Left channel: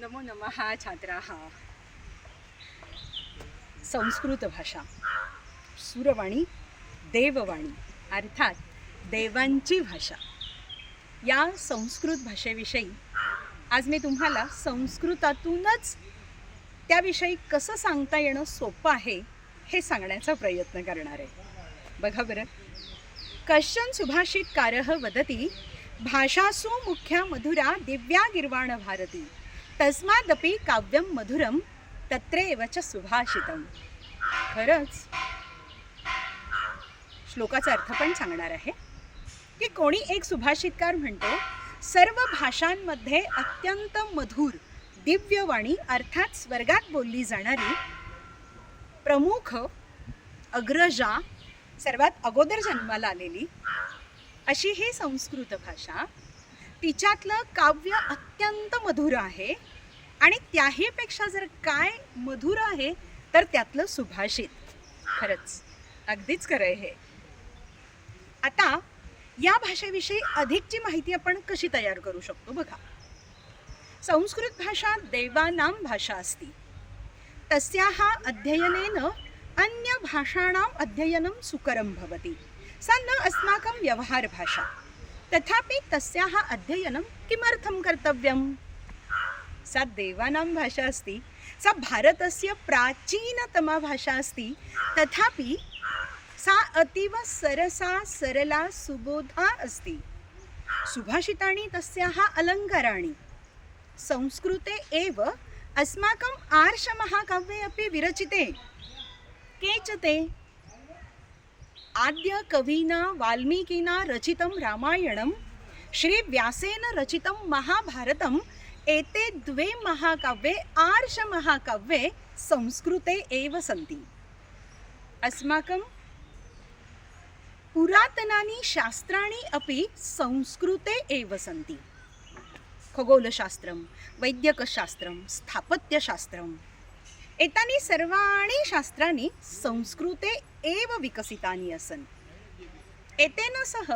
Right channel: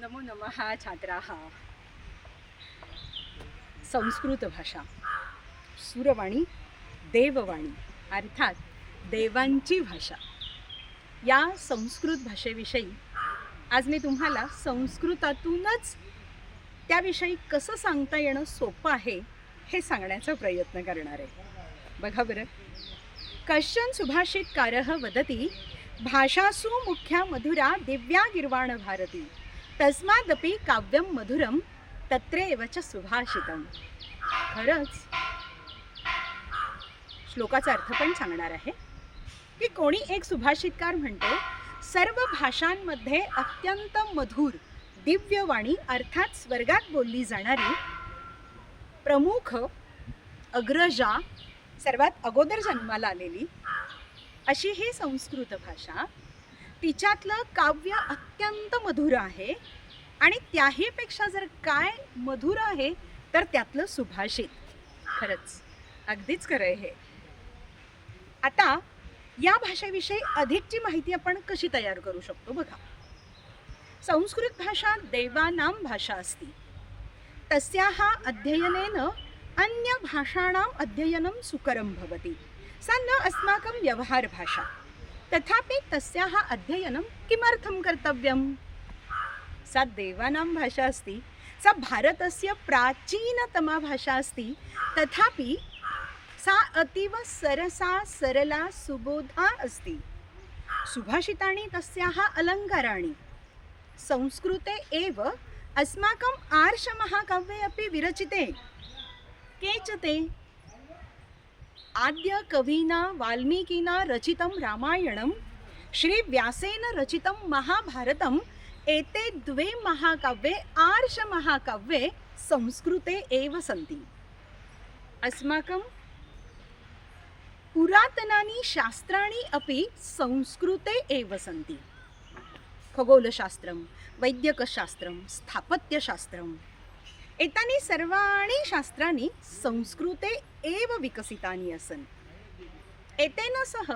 नमो नमः छात्राः। संस्कृत भाषा सुरवाणी देववाणी अर्थात देवांची भाषा। या संस्कृत भाषेविषयी आज मी तुम्हाला संस्कृतातूनच त्याविषयी कसं सांगता येणं सोपं आहे हे सांगण्याचा प्रयत्न करणार आहे. बघा बरं. कश्चन सुभाषितकारः वदति भाषासु मुख्या मधुरा दिव्या गिर्वाण भारती। तस्मादपि काव्यम मधुरम तत्रेव च सुभाषितम। खरंच? श्लोकाचा अर्थ पण सांगणार आहे की कोणी एक सुभाषितकार म्हणतो सर्व भाषांमध्ये अत्यंत मधुर दिव्यवाणी अर्थात स्वर्गात बोलली जाणारी प्रमुख अग्रजा सर्वात अगोदर जन्माला आलेली अशी ही संस्कृत भाषा तिच्यातलं काव्य अत्यंत मधुर आहे. आणि त्याहीपेक्षा जर काय मधुर आहे तर त्यातलं सुभाषित. खरंच अगदीच खरं आहे हे. आता या भाषेविषयी अधिकची माहिती आपण कशी तयार करू शकतो बघा. संस्कृत भाषा देवानां भाषा अस्ति. तस्याः अध्ययनेन अन्यभाषाणाम् अध्ययनं सुकरं भवति. सा न अस्माकं व्यवहारभाषा तथापि तस्याः अध्ययनं किमर्थं कर्तव्यं सा देवानां भाषा अस्ति सा भारतस्य प्राचीनतमा भाषा अस्ति तथापि सा अतीव सरसा सरला सुबोधा अस्ति। सुभाषितानि तस्याः अलङ्काराणि। संस्कृते एव अस्माकम् आर्षमहाकाव्ये अपि विरचिते। के च ते आद्य कविना वाल्मीकिना रचितं रामायणं श्रीव्यासेन रचितं महाभारतम् एते द्वे महाकाव्ये आर्षमहाकाव्ये संस्कृते एव सन्ति। अस्माकं पुरातनानि शास्त्राणि अपि संस्कृते एव सन्ति। खगोलशास्त्रं वैद्यकशास्त्रं स्थापत्यशास्त्रम् एतानि सर्वाणि शास्त्राणि संस्कृते एव विकसितानि आसन् एतेन सह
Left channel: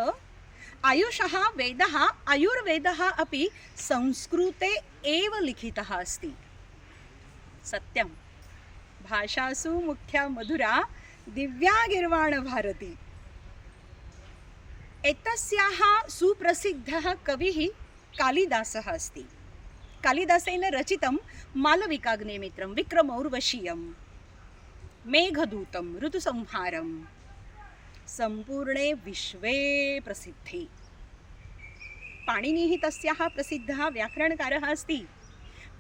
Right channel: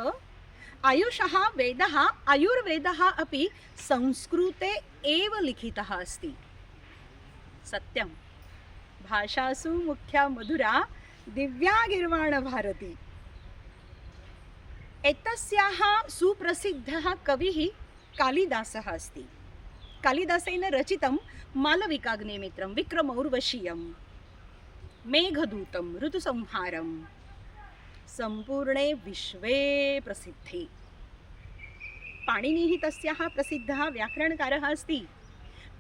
आयुषः वेदः आयुर्वेदः अपि संस्कृते एव लिखितः अस्ति। सत्यं भाषासु मुख्या मधुरा दिव्या गिर्वाणभारती। एतस्याः सुप्रसिद्धः कविः कालिदासः अस्ति। कालिदासेन रचितं मालविकाग्निमित्रं विक्रमौर्वशीयं। मेघदूतं ऋतुसंहारं। सम्पूर्णे विश्वे प्रसिद्धे। पाणिनिः तस्याः प्रसिद्धः व्याकरणकारः अस्ति।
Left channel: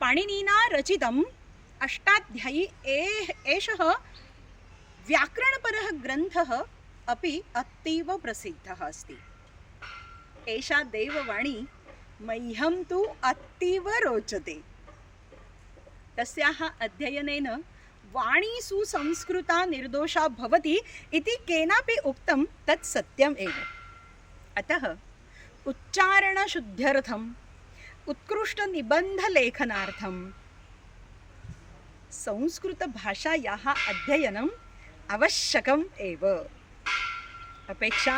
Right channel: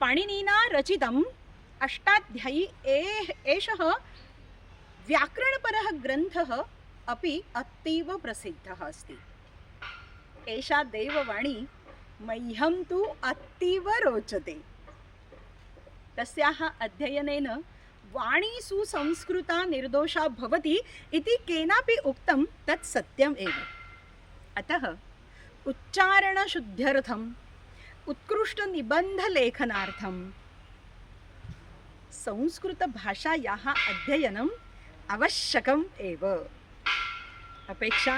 पाणिनिना रचितम् अष्टाध्यायी ए एषः व्याकरणपरः ग्रन्थः अपि अतीव प्रसिद्धः अस्ति। एषा देववाणी मह्यं तु अतीव रोचते। तस्याः अध्ययनेन वाणी सुसंस्कृता निर्दोषा भवति इति केनापि उक्तं तत् सत्यम् एव। अतः उच्चारणशुद्ध्यर्थम् उत्कृष्टनिबन्धलेखनार्थं संस्कृतभाषायाः अध्ययनम् आवश्यकम् एव। अपेक्षा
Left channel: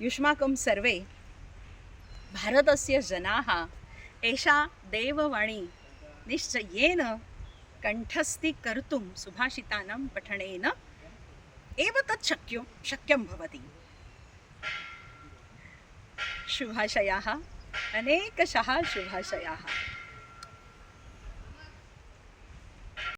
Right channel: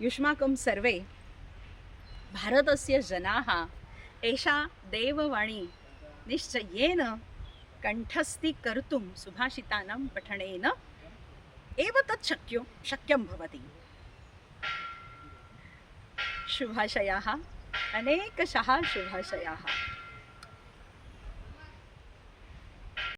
युष्माकं सर्वे भारतस्य जनाः एषा देववाणी निश्चयेन कंठस्थी कर्तुं सुभाषितानां पठनेन एव तत् शक्यो शक्यं भवति। शुभाशयाः अनेकशः शुभाशयाः।